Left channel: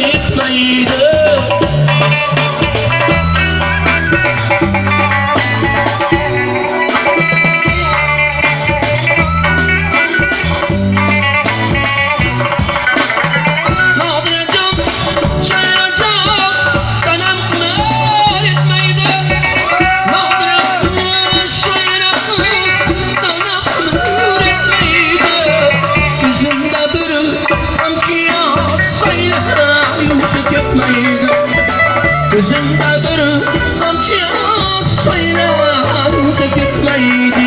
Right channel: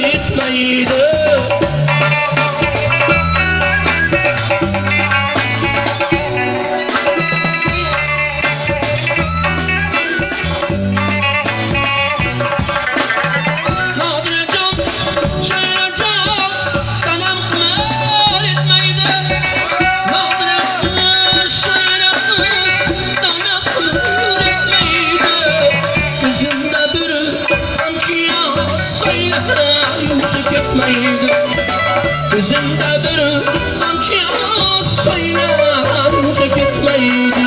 yetmaydi. Gözümdedir amca saylansa gitmeydi.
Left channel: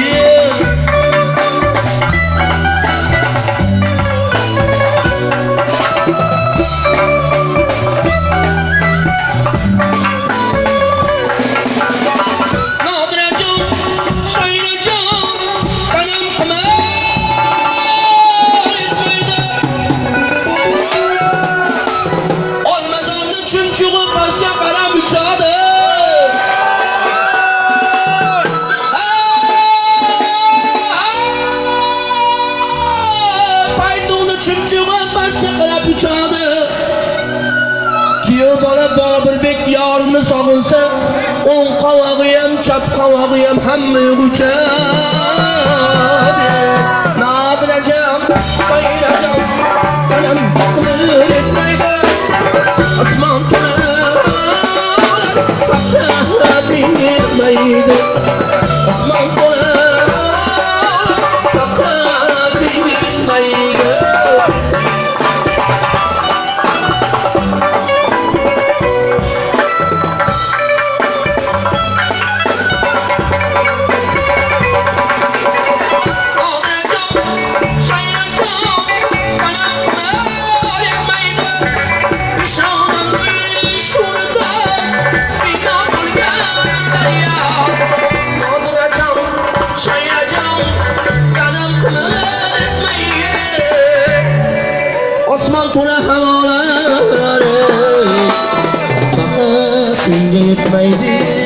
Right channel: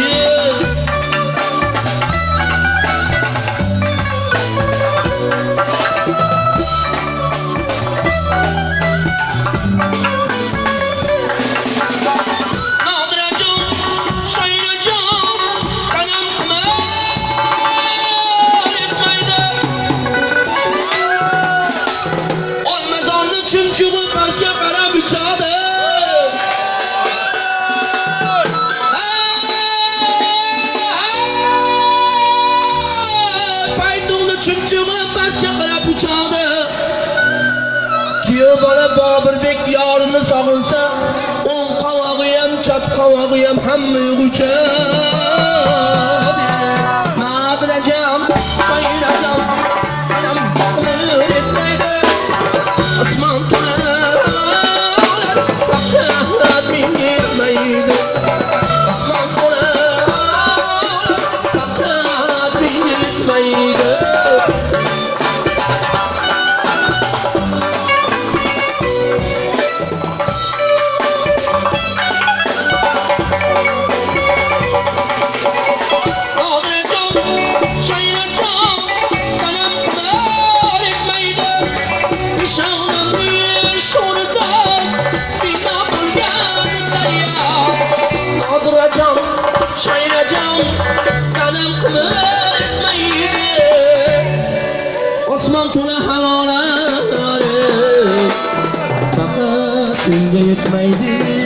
Çimçiman başka qarab uçadi. Kuyov bola Bobirbek yorini sog'insa, o'ng qovog'i ham, chap qovog'i ham hamma uçadi. Nodirajam, bayrajam, anam qimir etmaydi. Osmon to'lar, faqat menga yetmaydi. Osmon to'lar, faqat menga yetmaydi. Osmon to'la havolari faqat menga yetmaydi.